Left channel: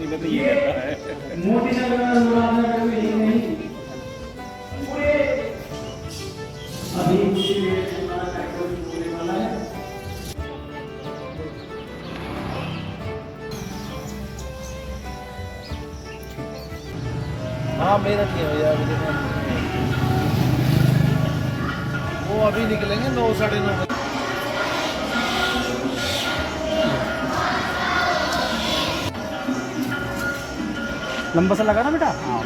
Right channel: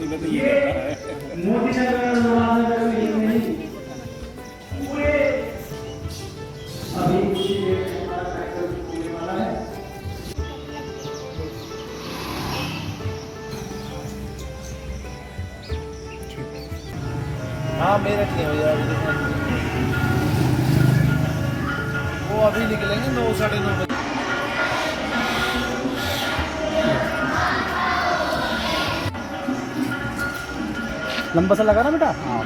मोदी में तो ये रहता है। मोदी सरकार नहीं पूरे अभी कुछ ही देर में हमारा पेट्रोल होने वाला है। हाँ मेरठ नहीं हो यार, वो अभी निकलेंगे 9 साढ़े 9 बजे। लंबा सा लगा ना बेटा। हाँ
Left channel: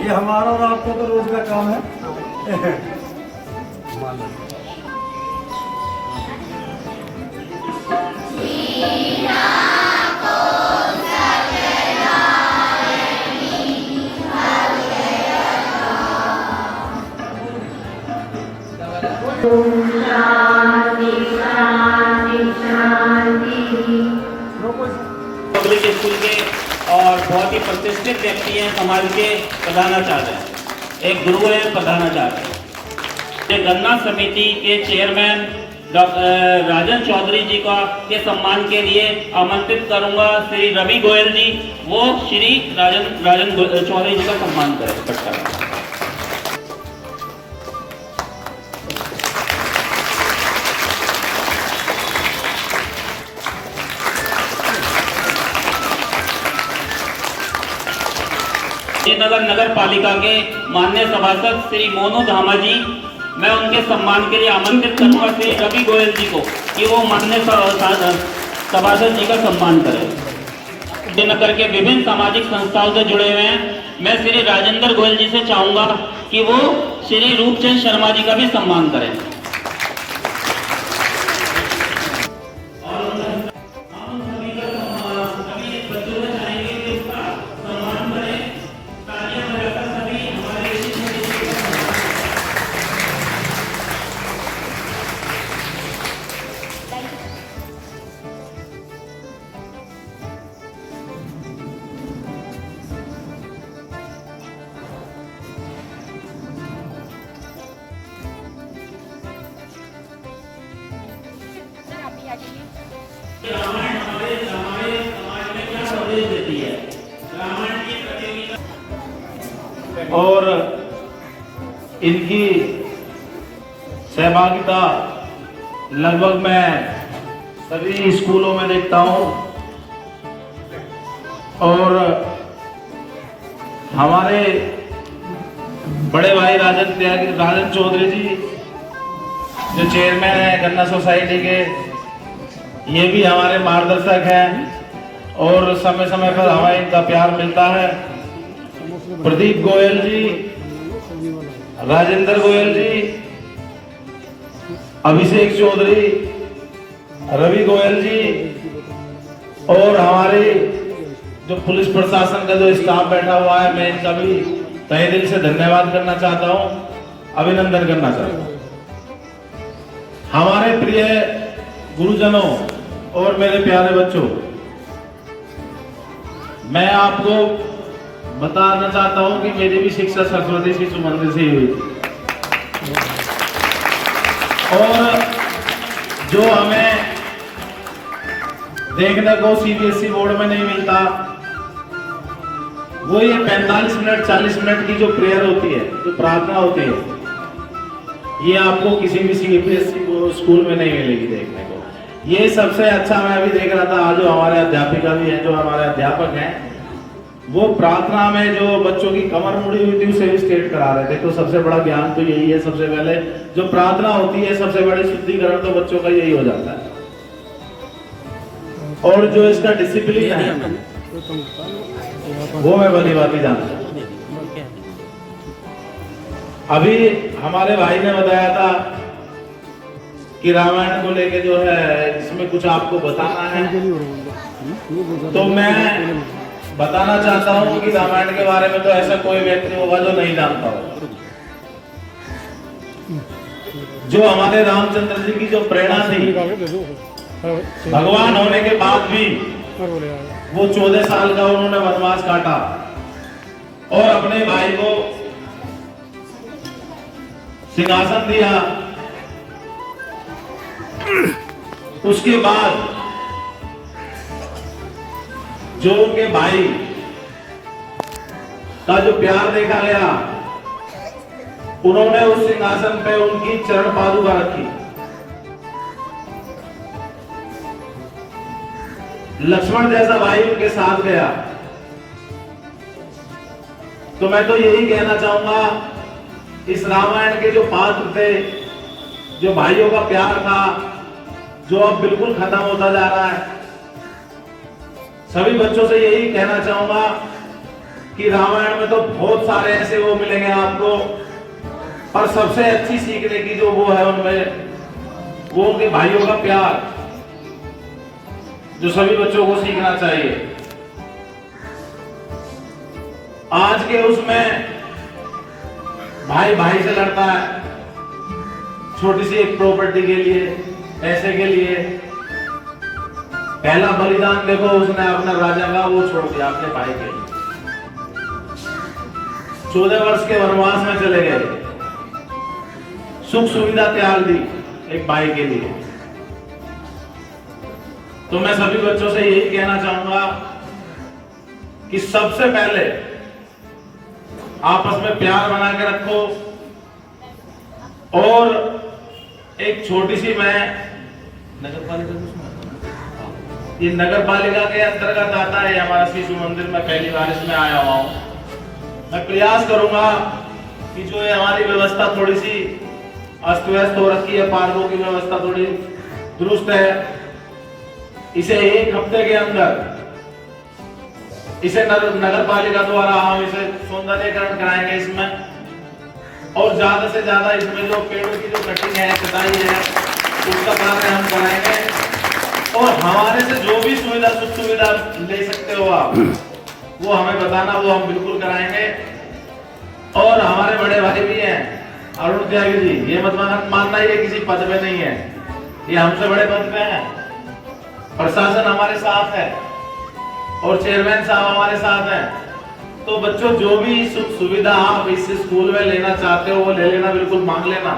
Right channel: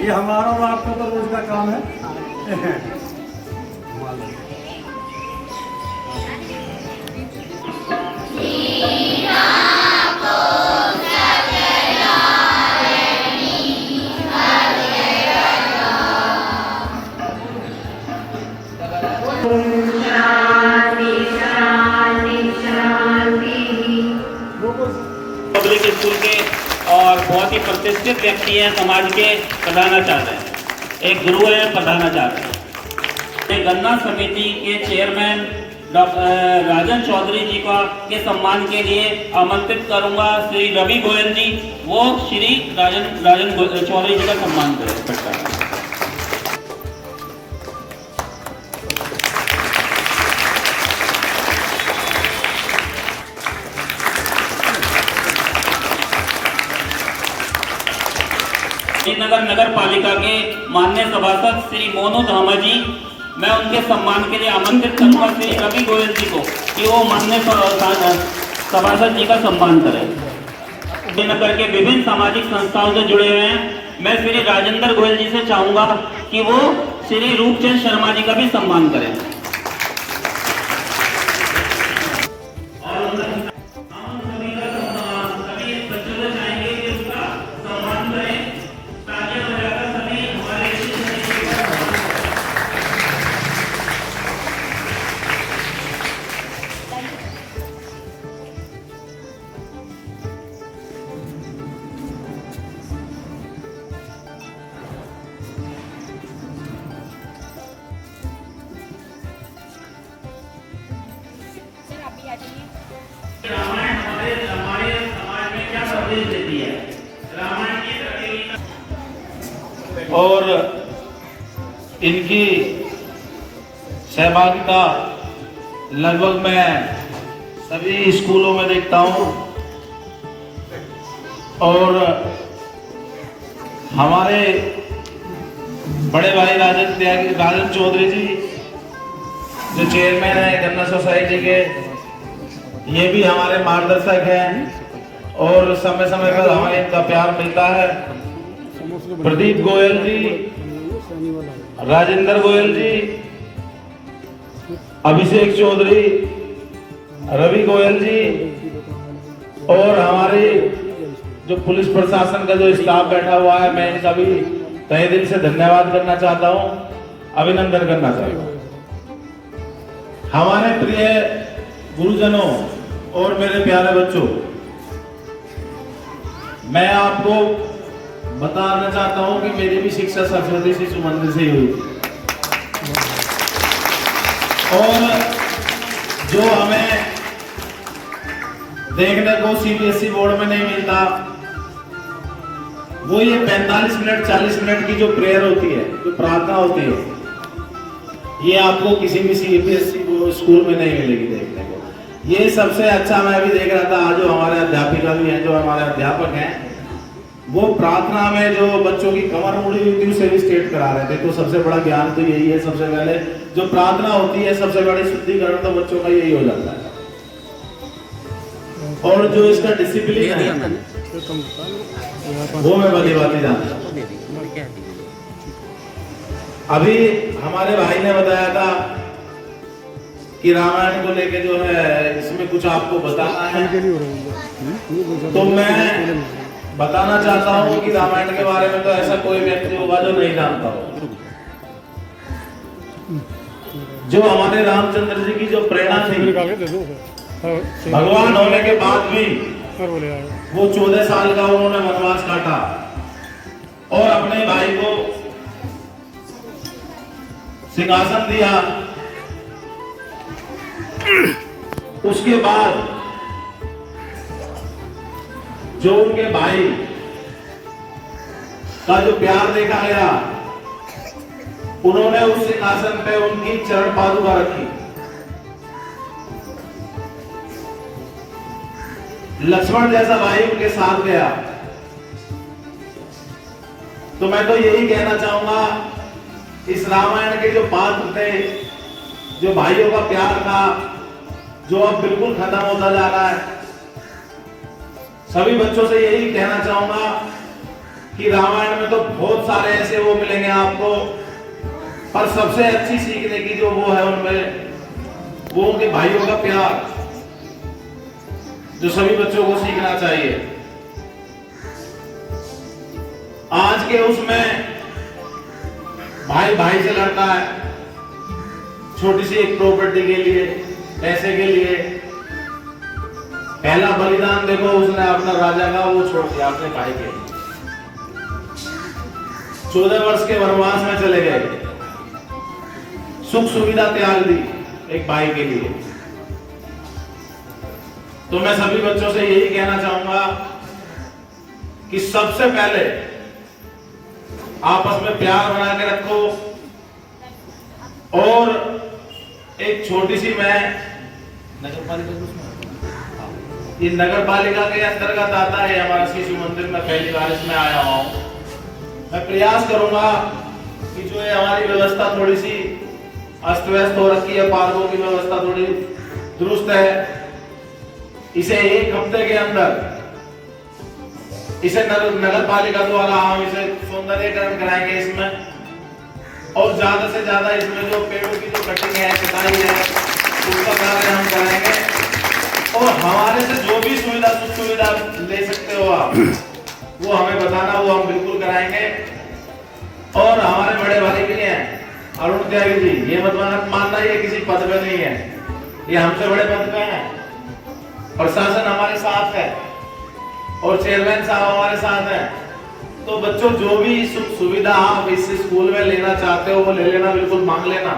ये हमारा और आपका तो रोज का काम है। पब्लिक स्कूल के और बहुत ही प्रतिष्ठित व्यक्ति हैं, समाज के प्रधानाचार्य हैं, एक गुरु है प्रधानाचार्य। गन्ना समिति के चेयरमैन डॉक्टर राजन चौधरी जी का के सम्मान के लिए आमंत्रित करूंगा श्री रवि गोयल जी, वो श्री राजन चौधरी जी का सम्मान करता है। नगर नगर पालिका के माननीय सभासद श्री मोनू धामा जी, मैं उनके सम्मान के लिए आमंत्रित करूंगा श्री रवि गोयल जी को कि वो माननीय सभासद जी का सम्मान करें। नगर के विभिन्न सामाजिक संस्थाओं से जुड़े हुए हैं, मैं श्री राजेंद्र गोयल जी से चाहूंगा कि वो श्री रूपचंद शर्मा जी का भी सम्मान करें। रामायण हमारे समाज में क्या संदेश देती है, रामायण की और इनकी सहभागिता लगभग मैं सभी स्कूलों में देखता हूं। और हमारे बड़े भाई राजन चौधरी जी जो चेयरमैन है गन्ना सोसाइटी के, ये भी हमारे मार्गदर्शक हैं और समय समय पर हमें इनका प्यार मिलता है। प्रदीप गोयल जी, राजेंद्र गोयल जी, अभिषेक चौधरी, रवि गोयल जी और हमारे जो पुलिस प्रशासन का जो स्टाफ बैठा हुआ है, मैं इनका भी तहे दिल से धन्यवाद करना चाहता हूं, अभिनंदन करना चाहता हूं। हमारे प्रिय गुरुजनों और मेरे प्यारे बच्चों, मैं आपको बताना चाहता हूं कि मेरी भी शिक्षा सरस्वती शिशु मंदिर से ही हुई थी। और जो हमें देखने को सीबीएसई बोर्ड में नहीं मिलता, वो ये 45 मिनट 40 मिनट की जो प्रेयर होती है, जो प्रार्थना होती है, ये आपको किसी भी सीबीएसई स्कूल में नहीं मिलेगी देखने को। ये सबसे अच्छा मैं भी देख रहा था, आज जो हमारे अध्यापिका भी हैं, जो हमारे अध्यापक हैं, वो प्रार्थना में जो बच्चों की कमर मुड़ी हुई थी उसे भी स्ट्रेट करा रहे थे। तो सबसे बड़ा ज्ञान तो यही है, सबसे पहले जो प्रार्थना होती है, सबसे बड़ी शुद्धिकरण तो बच्चों का यही हो जाता है। और जो इसका डिसिप्लिन है वो मैं भली बात जानता हूँ। अभी हमारे भाई ने बताया था कि रामायण को लेके जो है इसमें कुछ आपको बताना है, तो मैं बताना चाहता हूँ कि रामायण के बारे में तो ऐसा कोई व्यक्ति होगा जो नहीं जानता हो। जो हमारे रामचंद्र जी की जो प्रेरणा थी भगवान होने के बाद भी वो 14 साल का उन्होंने वनवास काटा और अपने भाई को सिंहासन दिया। उसके बाद जो उनके भाई का जो प्यार देखा गया, उन्होंने उस सिंहासन पे उनकी चरण पादुका रखी। लक्ष्मण जैसा भाई उनके साथ गया। तो मैं तो यही कहना चाहूंगा, इस रामायण के जो पात्र थे, जो भाइयों का प्यार था, जो अब बिल्कुल खत्म होता जा रहा है, सभी बच्चों से यही कहना चाहूंगा कि रामायण में तो बहुत सारे ऐसे वो मिलेंगे आपको, पर सबसे अच्छी सीखने की जो वो है उनमें, वो उनके भाइयों का प्यार, जो सभी बच्चों को सीखना चाहिए। आज के उसमें भाई भाई से लड़ता है, छोटी सी एक प्रॉपर्टी के लिए, पैसे के लिए। पहला बलिदान देखो, उसने अपना राजा का वो छोड़ दिया अपने भाई के। 14 वर्ष के वनवास में चले गए, सुख सुविधा त्याग दी एक भाई के लिए। तो मैं सभी बच्चों से यही कहना चाहूंगा कि सबसे पहले आपस में प्यार बना के रखो। और एक छोटी सी मैं नगर पालिका, ये नगर पालिका के अंतर्गत आता है हमारा शिशु मंदिर में, पहली बार इसमें आया हुआ हूं। मैं प्रयास करूंगा कि जो है हमारी व्यवस्था थोड़ी सी अस्त व्यस्त हो रखी है, पार्कों की व्यवस्था थोड़ी दुरुस्त है, इसे 1 हफ्ते के अंदर इसे नगर पालिका द्वारा हम इसे सौंदर्यीकरण कराएंगे इसमें। और ज्यादा से ज्यादा इसमें जो पेड़ों की जो कटिंग है, कटाई है, उसका कार्य हम कराएंगे। और हमारे से जो भी सुविधा सुख सुविधा ले सकते हो आप, वो हमें बताना, वो हम बिल्कुल कराएंगे। और हमारे बड़े भाई भी हैं अरुण त्यागी जी, ये मत मानना ये किसी पद पे नहीं है, ये हमसे बड़े पद पे हैं। प्रशासन हमारे साथ है और चेयरमैन साहब हमारे साथ हैं। तो बच्चों, जो भी सुख सुविधा आप इस स्कूल में लेना चाहते हो वो ले लेना, बिल्कुल मांग लेना।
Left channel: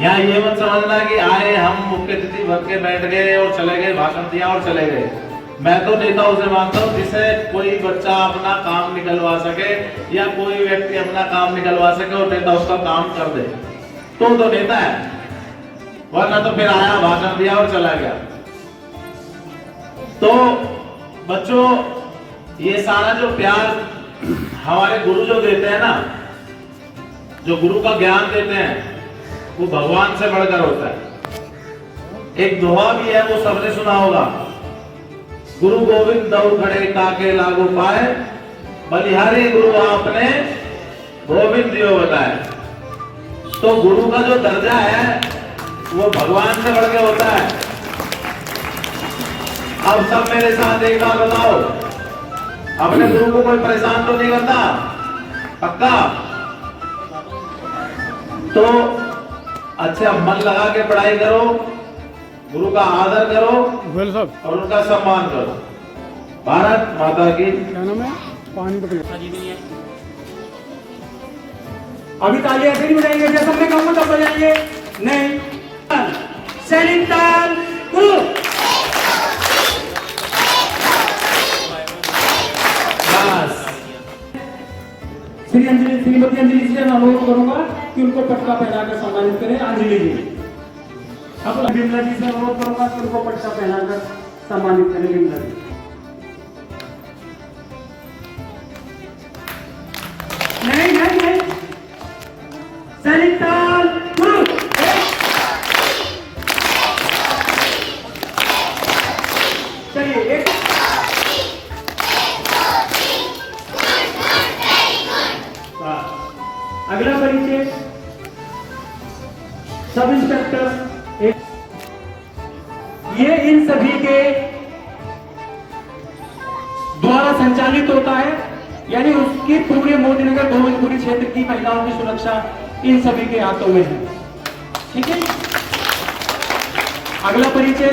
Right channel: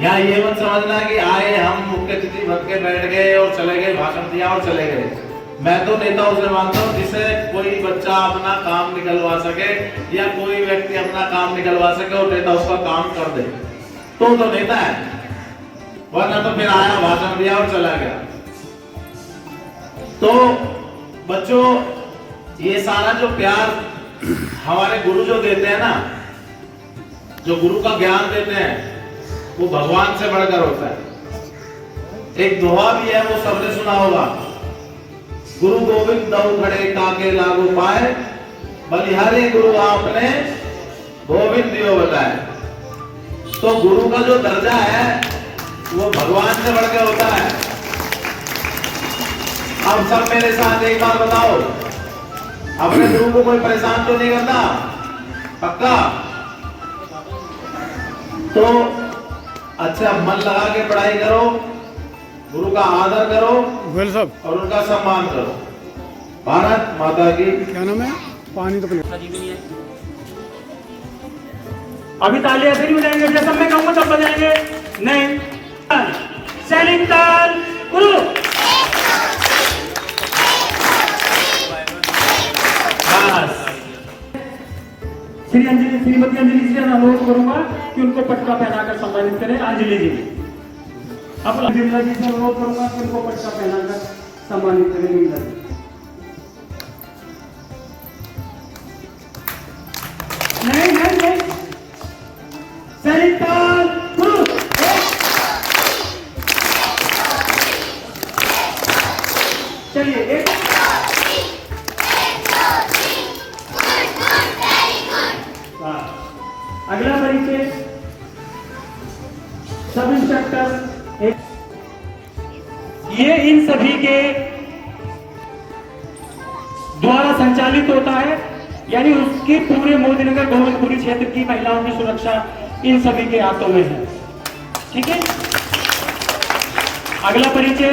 यहाँ ये मत समझना कि आए हम मुख्य अतिथि भर के बैठ गए और चले गए, भाषण दिया और चले गए। मैं तो नेताओं से मांगता हूँ जिससे कोई बच्चा अपना काम निकलवा सके या कोई व्यक्ति अपना काम निकलवा सके और नेता उसका काम कर दे, तो नेता है। वरना तो फिर आया, भाषण दिया और चला गया। तो बच्चों, ये सारा जो प्यार हमारे गुरु जो देते हैं ना, जो गुरु का ज्ञान देते हैं, वो भगवान से बढ़कर होता है। एक दोहा भी है, वो सबने सुना होगा, गुरु गोविंद दऊ खड़े काके लागू पाए, बलिहारे गुरु आपने गोविंद दियो बताए। तो गुरु का जो दर्जा है वो भगवान से बढ़कर होता है। अब सब मेरे साथ एक बार बताओ, अपने गुरु को कोई परेशान तो नहीं करता? पक्का? तो अच्छा मन लगा के पढ़ाई करो, गुरु का आदर करो और उनका सम्मान करो। भारत माता की। क्या नाम है? पानी तो अभी तालियां ऐसे नहीं बजाएंगे, जैसा मैं कहूंगा तब बजाएंगे। नहीं, सैनिक ताल श्रीमती अंजलि जी से अनुरोध करूंगा कि उनको पटका पहनाकर सम्मानित करें। अंजलि जी, अब बिमला जी से अनुरोध करूंगा कि उनको पटका पहनाकर सम्मानित करें। बिमला जी, नहीं, सैनिक ताल गुरु। चलिए एक अगला परिचय सब इंस्पेक्टर। ये इन सभी के द्वारा संचालित होता है, यानी उसकी पूरे मोदीनगर गोविंदपुरी क्षेत्र की महिलाओं की सुरक्षा इन सभी के हाथों में है। ठीक है, अगला परिचय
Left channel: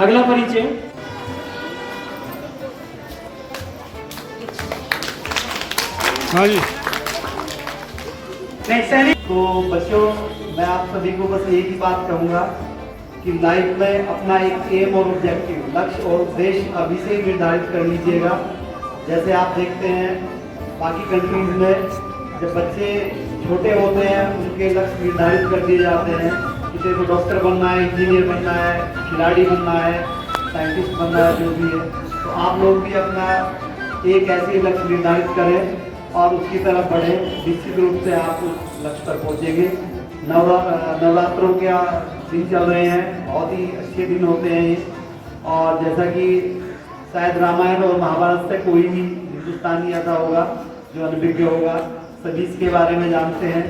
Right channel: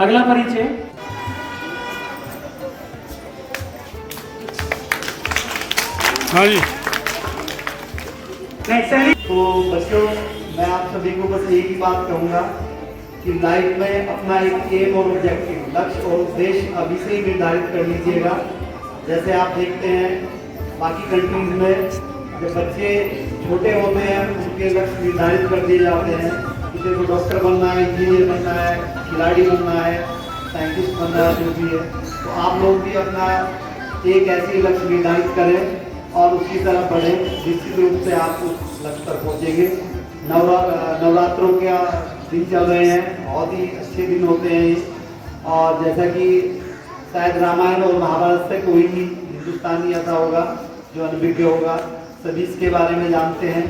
अगला परिचय हाँ जी। तो बच्चों, मैं आप सभी को बस एक ही बात कहूँगा कि लाइफ में अपना एक एम और ऑब्जेक्टिव, लक्ष्य और उद्देश्य अभी से ही निर्धारित कर लीजिएगा। जैसे आप देखते हैं बाकी कंट्रीज में जब बच्चे छोटे होते हैं उनके लक्ष्य निर्धारित कर दिए जाते हैं, किसी को डॉक्टर बनना है, इंजीनियर बनना है, खिलाड़ी बनना है, साइंटिस्ट बनना है, जो भी है। तो आप लोग भी अपना एक ऐसी लक्ष्य निर्धारित करें और उसकी तरफ बढ़ें। निश्चित रूप से आप उस लक्ष्य पर पहुँचेंगे। नवरात्रों के दिन चल रहे हैं, बहुत ही अच्छे दिन होते हैं ये। और जैसा कि शायद रामायण और महाभारत से कोई भी हिंदुस्तानी ऐसा होगा जो अनभिज्ञ होगा, सभी इसके बारे में जानते हैं।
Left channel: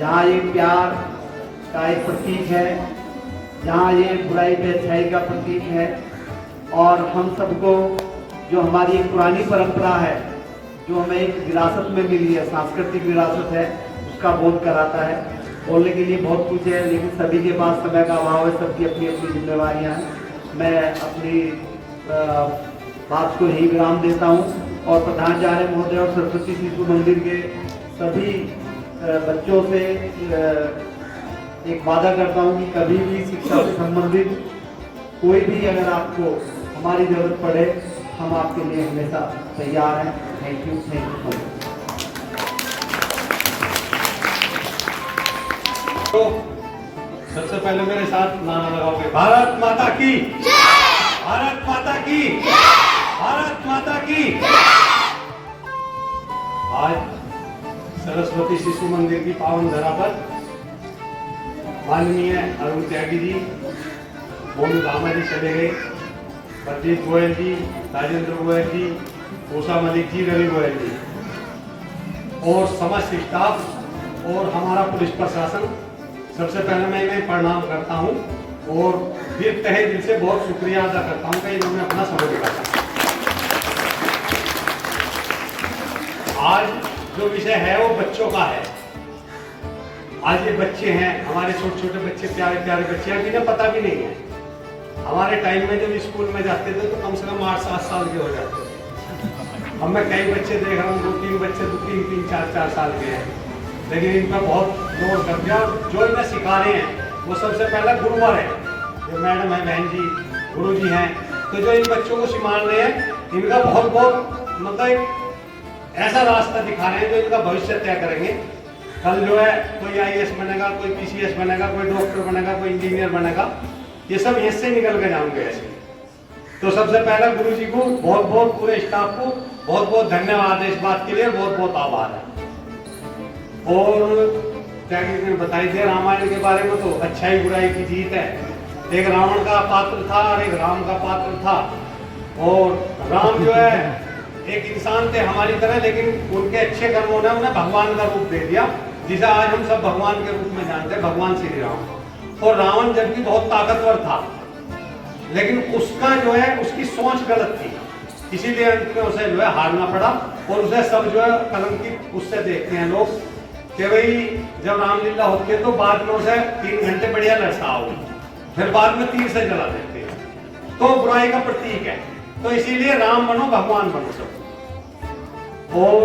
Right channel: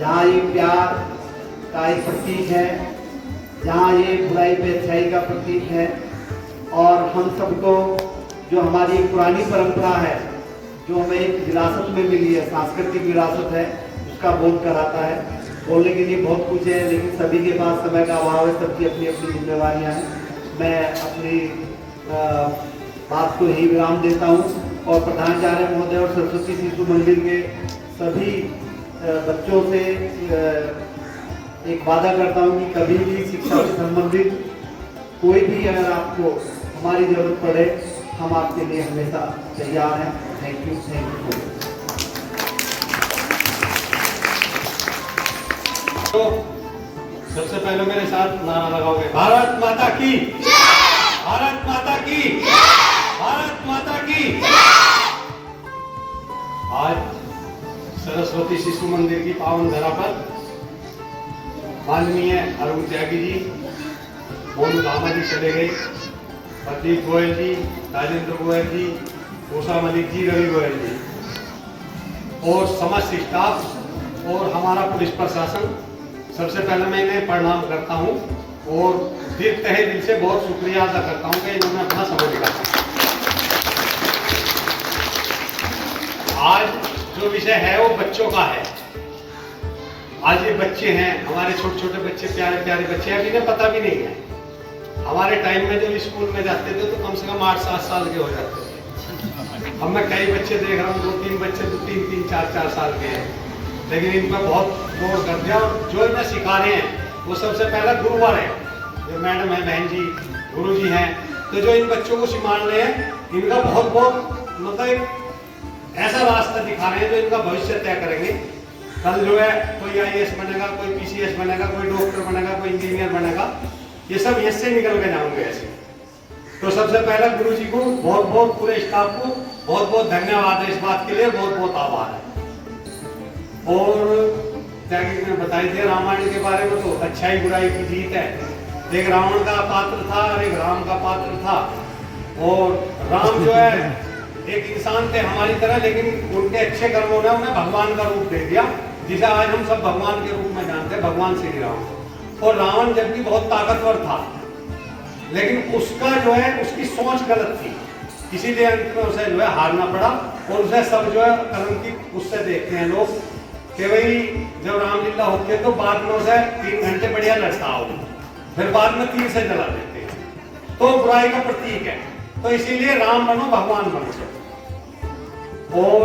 जहाँ ये प्यार का एक प्रतीक है, जहाँ ये बुराई पे अच्छाई का प्रतीक है, और हम सबको जो हमारी एक पुरानी परंपरा है, जो हमें एक विरासत में मिली है, सांस्कृतिक विरासत है, उसका बोध कराता है। बोलने के लिए बहुत कुछ है, लेकिन सभी के पास समय का अभाव है, सबकी अपनी अपनी जिम्मेवारियाँ हैं। मैं अपनी बात को यही विराम देता हूँ और प्रधानाचार्य महोदय और सरस्वती शिशु मंदिर के सभी बच्चों से एक वादा करता हूँ कि कभी भी शिक्षा से संबंधित कोई भी अगर आपको हमारी जरूरत पड़े, हम आपके लिए हमेशा तैयार हैं। Thank you so much. तो सबसे पहले मेरे साथ नारा लगाओगे, भारत माता की, भारत माता की, भारत माता की। आज सरस्वती शिशु मंदिर की पावन धरा पर माननीय अरुण त्यागी जी, मोनू धामा जी चले गए, प्रदीप गोयल जी, राजेंद्र गोयल जी, उषा मलिक जी, रवि गोयल जी और समस्त स्टाफ और हमारा पुलिस प्रशासन, सबसे पहले मैं इन्हें प्रणाम करता हूं और दिल तहे दिल से बहुत शुक्रिया अदा करता हूं कि इन्होंने अपना समय निकाला। आज जो विषय है वो बच्चों का है। आज ये बच्चे हैं, हमारे छोटे छोटे बच्चे, प्यारे प्यारे बच्चे हैं जिन्हें पता भी नहीं है। हमारे टाइम में जब स्कूल में जाते थे तो कम से कम 8-7 साल के हो जाते थे। अब मैं कई बच्चे देख रहा हूँ, 2-3 बच्चे 2-3, 4-4 साल के हैं, लेकिन इन पर बहुत जोर कर दिया। जो इन्हें सिखा रहे हैं वो सबसे पहला गुरुवर है, जो मैडम है, बहन जी, गुरु जी हैं। तो जो इन बच्चों को सिखा रहे हैं, इनका बहुत बहुत मतलब एक ऐसा रास्ता दिखा रहे हैं जो इनका भविष्य तय करेंगे। कल जो है कोई IAS बनेगा, कोई PCS बनेगा, कोई डॉक्टर बनेगा, कोई इंजीनियर बनेगा, ये सब इससे निकल के जाएंगे ऐसे। तो सबसे पहले गुरु जी को बहुत बहुत, पूरे स्टाफ को बहुत बहुत धन्यवाद है इस बात के लिए, बहुत बहुत आभार है। और त्यागी ने बताई थी रामायण के बारे में, तो अच्छाई बुराई की जीत है। एक रावण का पात्र था और एक राम का पात्र था। और राम जो है एक इंसान थे हमारी तरह, लेकिन उनके अच्छे कर्मों ने उन्हें भगवान का रूप दे दिया, जिसे आज हम सब भगवान के रूप में जानते हैं, भगवान श्री राम। और रावण जबकि बहुत ताकतवर था, लेकिन उसका जो है उसकी सोच गलत थी, इसीलिए अंत में उसे जो है हारना पड़ा। और उसे सब जो है कलंकित उससे देखते हैं लोग कि भाई जब रामलीला होती है तो बाद में उसे 3 घंटे बढ़िया लड़ता हो, फिर बाद में तीर से जला देते हैं, तो बुराई का प्रतीक है। तो इसीलिए राम बनो, भगवान बनो सब। और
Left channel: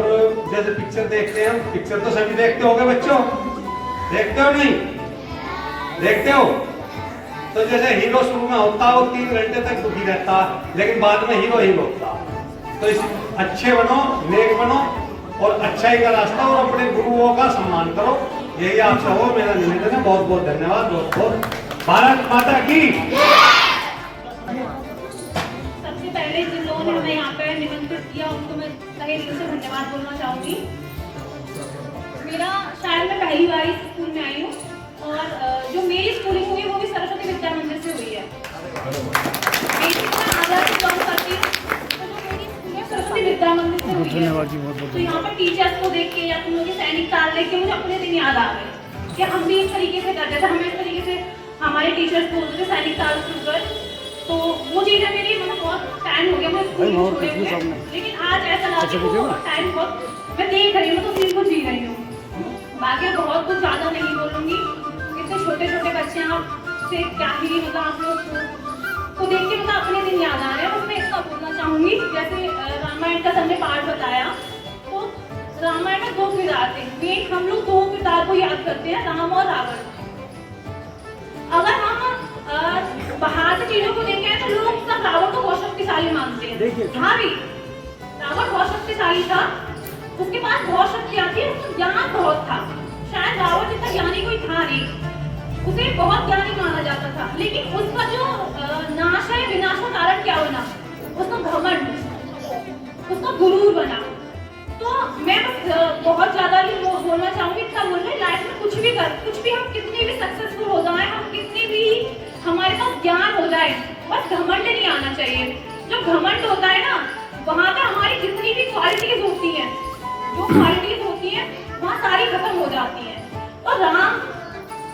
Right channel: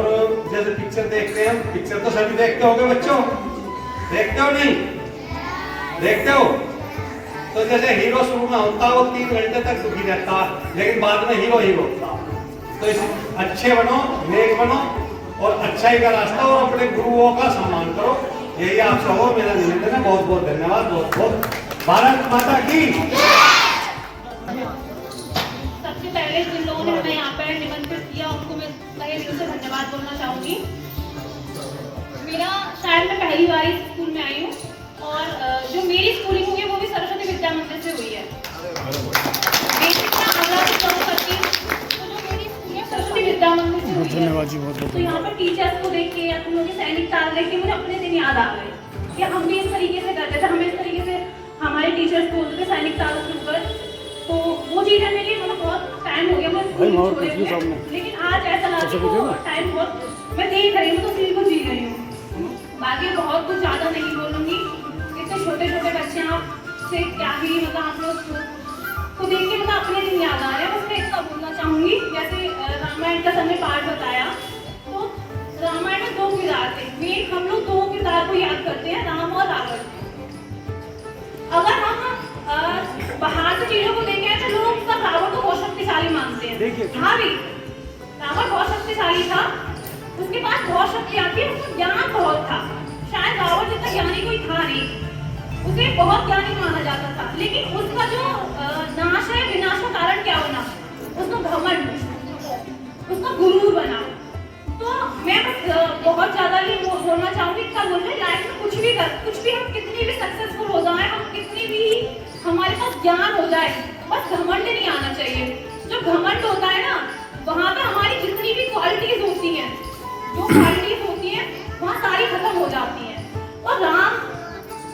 जैसे पिक्चर देखते हैं, पिक्चर तो सभी देखते होंगे बच्चों, देखते हो नहीं देखते हो? तो जैसे हीरो शुरू में होता है वो 3 घंटे तक दुखी रहता है, लेकिन बाद में हीरो ही होता है। तो इस अच्छे बनो, नेक बनो और अच्छाई का रास्ता, और अपने गुरुओं का सम्मान करो। यही आप सब हो, मेरा निवेदन है। बहुत बहुत धन्यवाद। बहुत बहुत भारत माता की। सबसे पहले जिन लोगों ने हमें यहाँ पर निमंत्रित किया उनको मैं तहे दिल से धन्यवाद बोलना चाहूँगी। मेरा शायद मैं पहली बार इस स्कूल में आई हूँ, और जो मेरी स्कूलिंग हुई है वो भी सरस्वती विद्या मंदिर से हुई है। बेसिक मैं आगरा से बिलोंग करती हूँ, तो जो मेरी स्कूल है सरस्वती विद्या मंदिर से हुई है। धन्यवाद जी, बहुत बहुत। तो यहाँ पर टीचर्स को देख के या तुम लोग के सैनिक साल देख के मुझे अपने दिन याद आ गए कि हम भी इस तरीके से करते थे। हमें इस तरीके से हमारे टीचर्स बोलते थे सैनिक साल शुरू कर। तो वो चीज़ें मेरी मतलब बहुत टाइम हो गया मैं स्कूल छोड़े हुए, लेकिन आज ऐसा लगा कि वो टाइम बहुत मैं देख रही हूँ तो सीन को जी रही हूँ। बाकी बहुत कुछ ज़्यादा नहीं बोलूँगी, इतने छोटे छोटे बच्चे आपसे क्या ही मतलब आप लोग को देख के मतलब अपने दिन याद आ रहे हैं। उसमें इतना बोलना चाहूँगी, जैसे रामायण का हमने पाठ बताया, तो रामायण में 2 किरदार थे। मेन हम लोग 2 किरदार को याद करते हैं, राम और रावण। अगर हम बाहर से चीजों को देखें तो लोग सब रावण को बहुत शक्तिशाली मानते हैं। हाँ भी रावण बहुत शक्तिशाली था, उसके पास बहुत शक्तियाँ थी, उसका ज्ञान बहुत था। शायद रावण जितना ज्ञानी कोई था नहीं, उसे बहुत ज्ञानी माना जाता था। लेकिन उसका जो नाश है, विनाश का कारण क्या बना? उसका घमंड, उसका गुरूर बना। तो मैं बस बहुत ज्यादा ही बोलना चाहूंगी, इतना बोल रहे लाइफ में कुछ भी हम कितनी भी सक्सेसफुल हो जाए, हम कितनी भी हमारे पास ज्ञान हो जाए, बस घमंड नहीं आना चाहिए। जो घमंड होता है ना, वहाँ पे हमारी जितनी भी क्वालिटीज होती हैं, जो क्वालिटीज होती हैं वहाँ सारी खत्म हो जाती हैं। और राम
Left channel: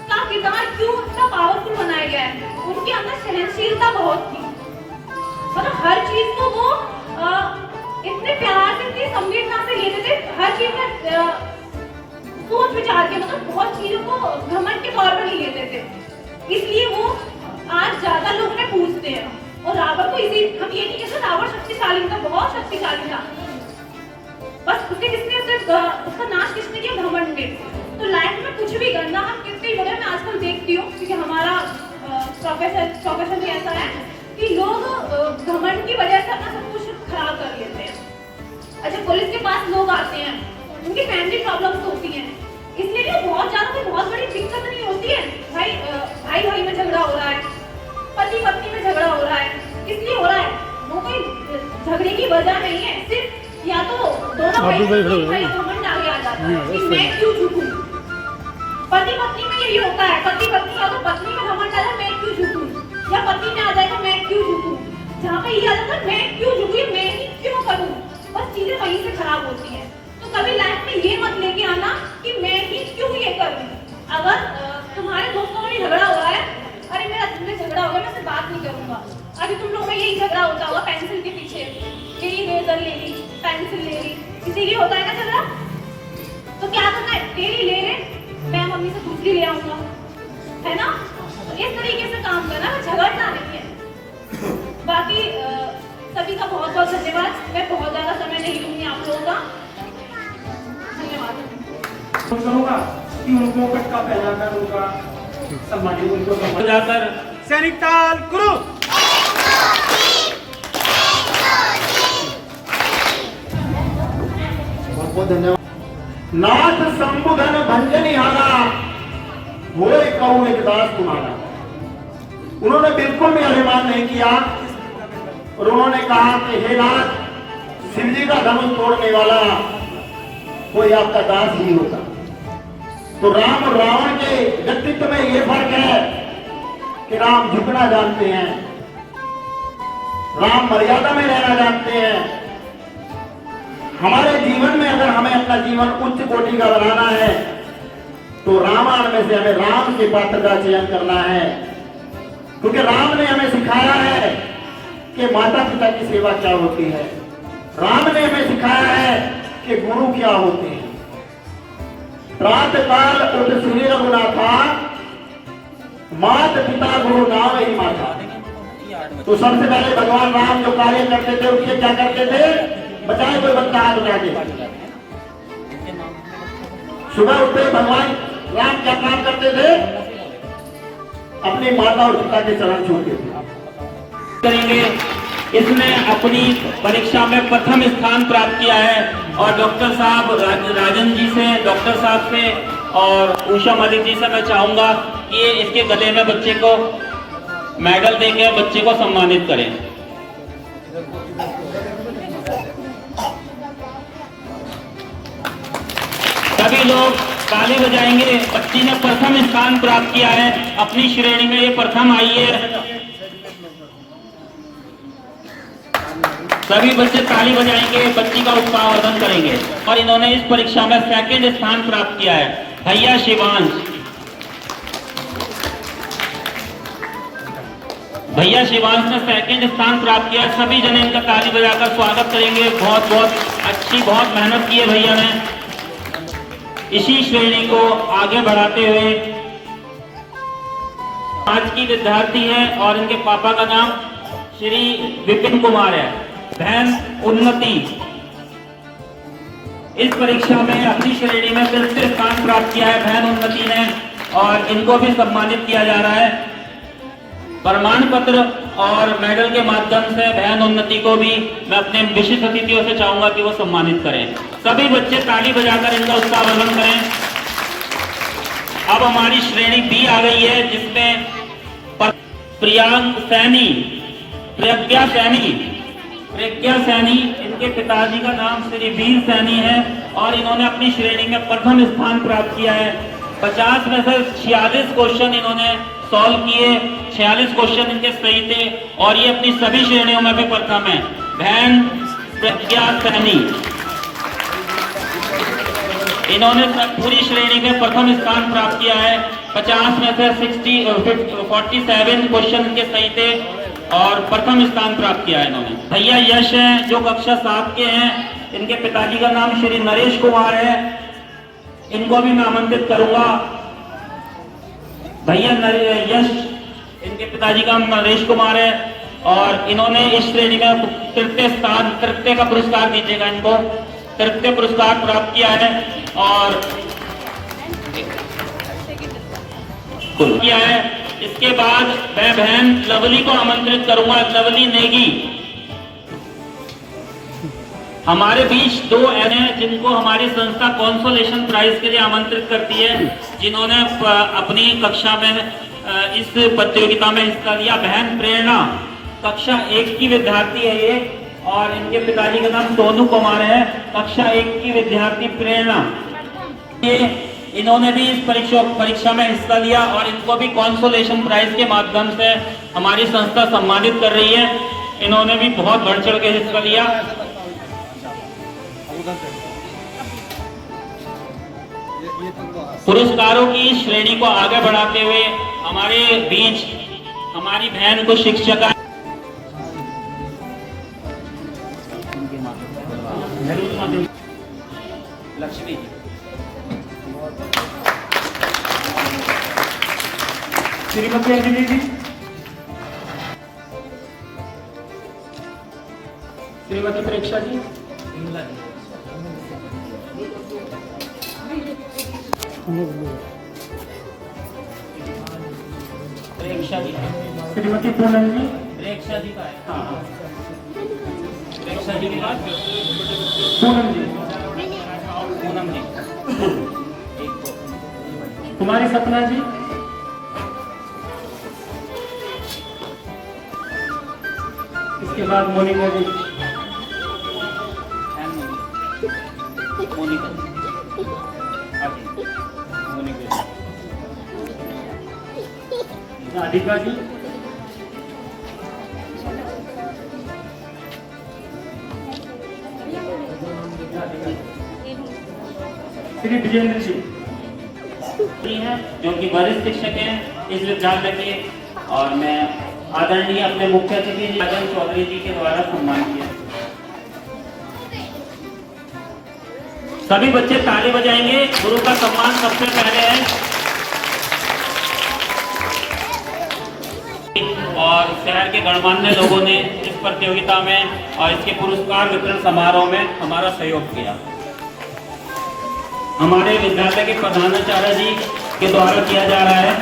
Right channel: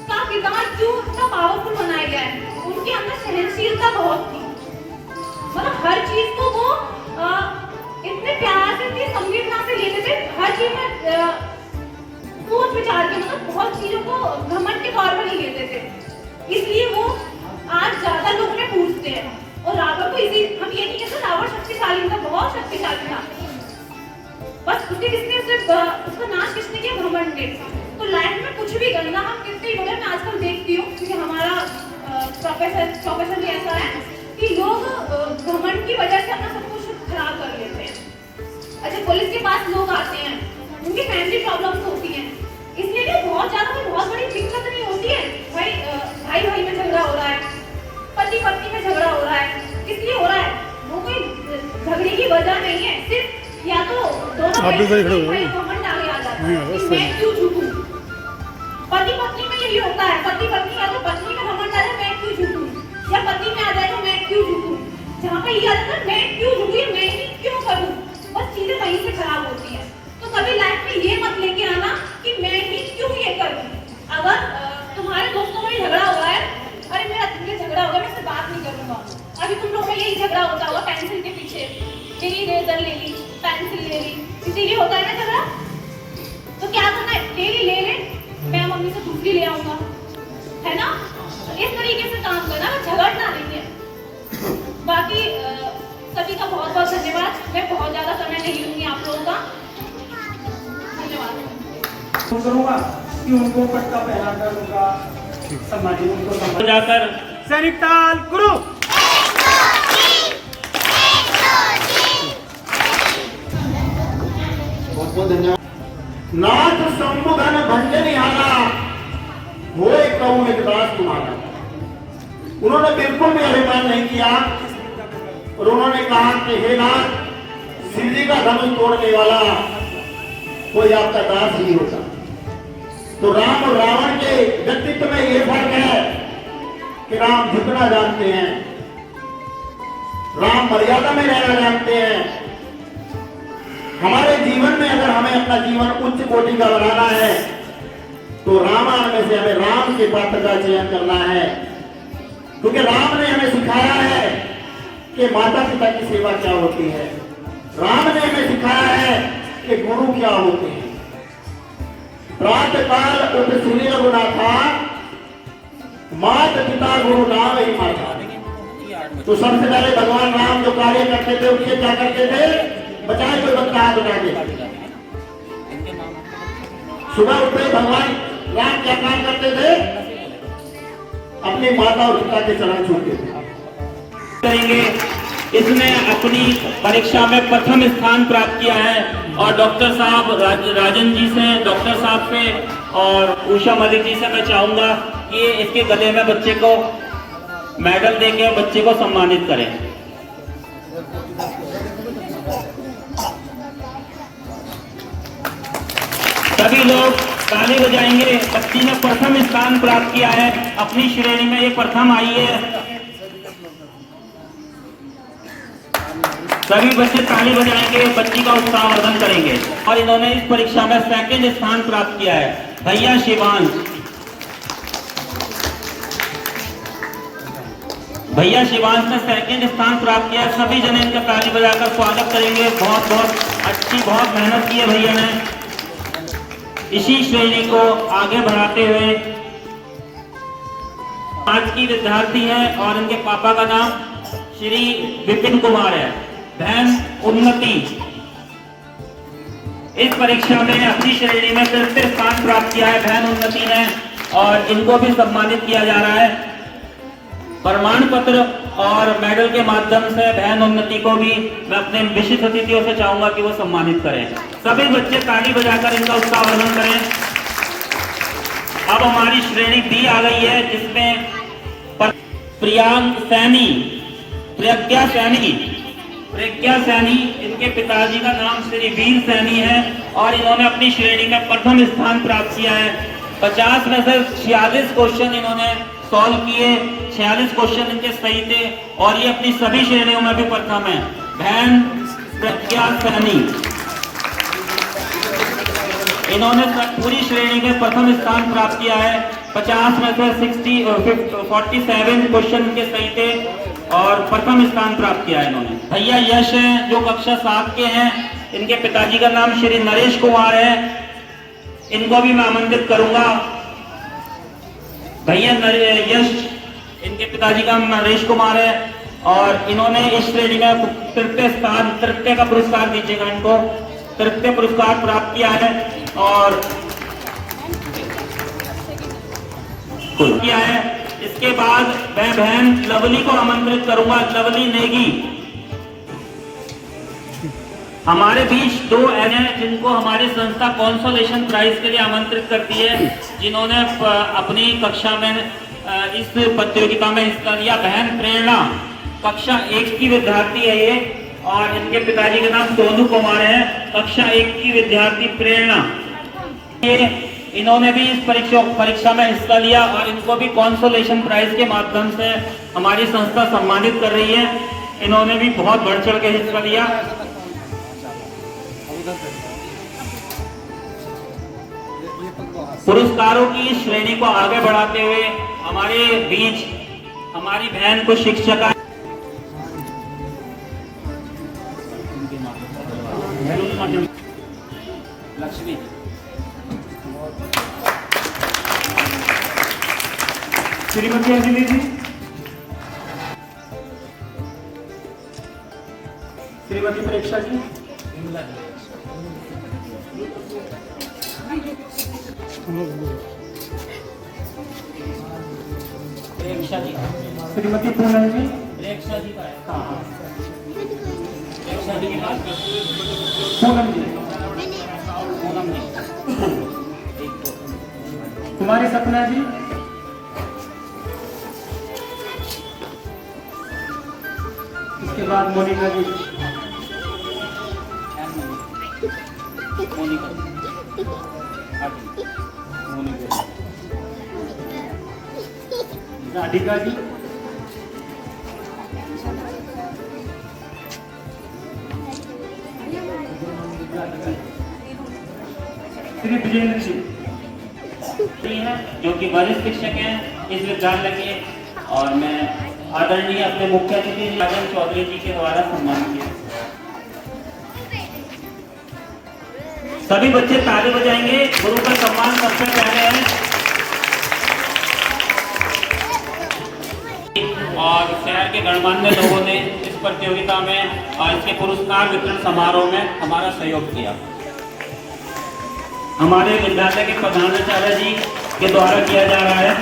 का किरदार क्यों उतना पावरफुल बनाया गया है? उनके अंदर सहनशीलता बहुत थी, मतलब हर चीज को वो इतने प्यार से, इतनी संवेदना से लेते थे, हर चीज में सोच विचार के, मतलब बहुत चीजों को घमंड के तौर पर ही लेते थे। इसलिए वो आज ज्यादा लोग उन्हें पूछते हैं। और रावण को इसी हम ये नहीं कहते रावण शक्तिशाली था, बहुत शक्तिशाली था, बस उसका नाश किसने किया? घमंड ने। तो लाइफ में कुछ भी करना, हम कितनी बड़े, मैं आजकल देखती हूँ क्योंकि हमारा प्रोफेशन भी ऐसा है कि लोग घमंड की वजह से अपना सब कुछ खराब कर लेते हैं। अच्छा, पुलिस के पास लोग आते हैं, उनकी फैमिली प्रॉब्लम्स होती हैं, इसलिए भी बहुत बड़ी दिक्कत नहीं होती है। भाई में झगड़ा हो रहा है, पति पत्नी में झगड़ा हो रहा है, इसलिए हो रहा है, वो कोई झगड़े की वजह नहीं है। सिर्फ या तो दोनों घमंड आगे आ जाता है कि मैं क्यों झुकूं। पति पत्नी में यही होता है, पति पत्नी या तो पत्नी में घमंड आ जाए मैं क्यों झुकूं, या पति में आ जाए तो मैं क्यों झुकूं। जहाँ पे ये आ जाता है मैं क्यों झुकूं, मैं ही क्यों करूं, बस चीजें वहीं से खराब होती हैं। तो कभी लाइफ में ये मत लेके आना कि मैं ही क्यों ये करूं। अगर तुम्हारे दोस्तों में झगड़ा हो रहा है, अरे मेरा तुमसे झगड़ा हो गया, मैं इससे बात नहीं करूंगा। अभी तुम लोग में यही झगड़ा होता होगा पेंसिल के पीछे, यही रेजर ले ली, पेंसिल ले ली, इसीलिए होता है ना झगड़ा। तो क्या करना है, डेली ले ले, मैं मम्मी से दूसरी ले आऊंगा, है ना? तो इस तरीके से काम करना, झगड़ना नहीं है। बाकी सभी का बहुत बहुत धन्यवाद। मैं बहुत ज्यादा समय नहीं लूंगी आप लोगों का, धन्यवाद। करूंगा कि उनको पटका पहनाकर उनका सम्मान, उनको जाकर सैनिक ताल गुरु बहुत बहुत धन्यवाद। नाथ संबुधन भंजनिहारा होए कहूँ एक दास तुम्हारा। उन्होंने बिल्कुल भी अभिमान नहीं किया और उन्होंने कहा कि हे नाथ, शिव जी का धनुष तोड़ने वाला कोई आपका दास ही होगा। तो राम और रावण के व्यक्तित्व में ये फर्क है कि राम झुकना जानते हैं, राम मर्यादा में रहना जानते हैं। हमारे जीवन में अगर हमें अपना जीवन उच्च कोटि का बनाना है तो रामायण में से हमें राम के पात्र का चयन करना है, क्योंकि राम ने हमें सिखाया है कि माता पिता की सेवा क्या होती है। राम ने हमें सिखाया है कि गुरु क्या होते हैं। प्रातः काल उठ सूर्य गुना था, मात पिता गुरु नाम ही माता। तो सबसे पहले भगवान राम जो कार्य करते थे उसके क्या करते थे? बताए कोई बच्चा हाथ उठा दे। सुबह उठते भगवान राम क्या काम करते थे? अपनी माता और पिता के चरण छूते थे। करेंगे। इसमें अपनी परीक्षा में प्रथम स्थान प्राप्त किया है और डॉक्टर साहब राजन जी से, डॉक्टर साहब से और उषा मलिक जी से मैं चाहूंगा कि इसके गले में बच्चे को मेडल देके बच्चे को सम्मानित करें। सभी लोग ताली बजाएंगे। बच्ची ने प्रथम स्थान प्राप्त किया है अपनी श्रेणी में, ये प्रथम आई है। सभी बच्चे ताली बजाएंगे, बच्ची का उत्साहवर्धन करेंगे। और इन्होंने इस परीक्षा में सेकंड स्थान प्राप्त किया है भैया शिवांश। भैया शिवांश ने सेकंड स्थान प्राप्त किया। सभी जने इनका ताली बजाकर स्वागत करेंगे। बहुत बहुत अच्छी, बहुत मेहनत की है भैया ने। इसी श्रेणी को आगे बढ़ाते हुए आज की विद्यार्थी है और इनके पापा का नाम श्री विपिन कुमार है। बहन उन्नति इस परीक्षा में अपनी श्रेणी में तृतीय स्थान प्राप्त किया है बहन उन्नति ने, और इनको भी सम्मानित किया जा रहा है। प्रमाण पत्र और मेडल के माध्यम से बहन उन्नति को भी मैं अपने विशिष्ट अतिथियों से चाहूंगा कि वो सम्मानित करें। सभी बच्चे ताली बजाकर इनका उत्साह वर्धन करें। अब हमारी श्रेणी बी आ गई है, जिसमें प्रज्ञा सैनी, इनके पिताजी का नाम श्री वीर सैनी है और इन्होंने अपनी श्रेणी में प्रथम स्थान प्राप्त किया है। 50 में से 46 क्वेश्चन इन्होंने सॉल्व किए, 46 क्वेश्चन इनके सही थे और ये अपनी सभी श्रेणियों में भी प्रथम है। बहन प्रज्ञा सैनी, इन्होंने पूरी श्रेणी में प्रथम स्थान प्राप्त किया है। 50 में से 47 क्वेश्चन के सही थे और प्रथम स्थान प्राप्त किया है इन्होंने। भैया यश हैं जो कक्षा 7 के हैं, इनके पिताजी का नाम श्री नरेश कुमार है, इनको भी मैं आमंत्रित करूंगा। भैया यश, इनके पिताजी का नाम नरेश कुमार है और इन्होंने इस श्रेणी में तृतीय का पुरस्कार दीजिएगा, इनको तृतीय पुरस्कार प्राप्त किया है और किया है। इसके बाद मैं बहन लवली को आमंत्रित करूंगा। लवली नेगी, हमारे बीच दो ऐसे हैं जिनको हमारी संस्था कॉन्सोलेशन प्राइज के लिए आमंत्रित करती है, जिन्होंने अपनी कक्षा में इस प्रतियोगिता में हिस्सा लिया। बहन प्रेरणा कक्षा 1 की विद्यार्थी है ये और इनके पिताजी का नाम सोनू कुमार है। कक्षा 1 की विद्यार्थी प्रेरणा, ये इन्होंने भी इस परीक्षा में हिस्सा लिया और इनको भी कॉन्सोलेशन प्राइज के माध्यम से हमारी संस्था सम्मानित कर रही है। इन्होंने भी बहुत बढ़ चढ़ के हिस्सा लिया। पुरस्कारों की श्रेणी को आगे बढ़ाते हुए हमारे बीच हमारी बहन को शिक्षक लक्ष्मी श्रीमती अंजलि जी, श्रीमती प्रेक्षा जी, प्रेक्षा जी, श्रीमती पूनम जी, प्रेक्षा जी का है, प्रेक्षा जी के बाद पूनम जी, कुमारी सपना जी, इसके बाद मोनिका जी, राधिका जी, श्री विजेंद्र जी हैं जो कि वरिष्ठ शिक्षक हैं इस विद्यालय के, और मैं आदरणीय अपने मुख्य अतिथि राजन चौधरी जी के द्वारा सम्मान किया। सभी बच्चे ताली बजाएंगे। गुरु का सम्मान सबसे पहले है और शहर के गणमान्य लोगों ने इस प्रतियोगिता में और इसके पुरस्कार वितरण समारोह में हमारा सहयोग किया। हमारे विद्यालय के प्रधानाचार्य जी के द्वारा किया जा रहा है,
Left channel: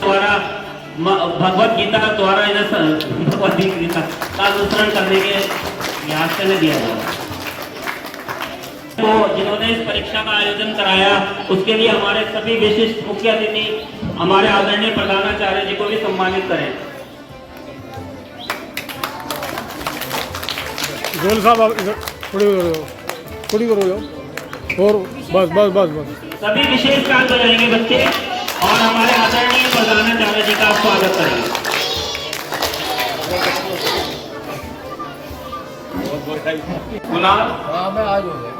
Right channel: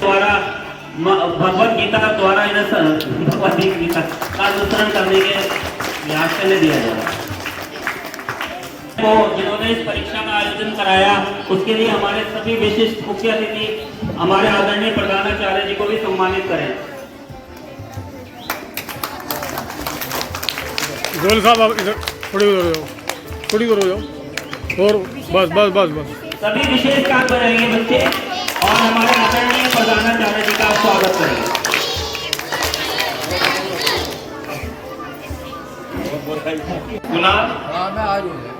द्वारा भगवत गीता द्वारा भगवत गीता का अनुसरण करने के लिहाज से दिया जाएगा। तो जिन्होंने इस परीक्षा का आयोजन कराया उसके लिए हमारे सभी विशिष्ट मुख्य अतिथि हमारे आदरणीय प्रधानाचार्य जी को भी सम्मानित करें। गोयल साहब आप इधर थोड़ी दूर हो जाओ और बस बस बस बस। सभी विशेष काम बजाएंगे बच्चे और हमारे आदरणीय प्रधानाचार्य जी का स्वागत करेंगे। हाँ मैं आज हो गया।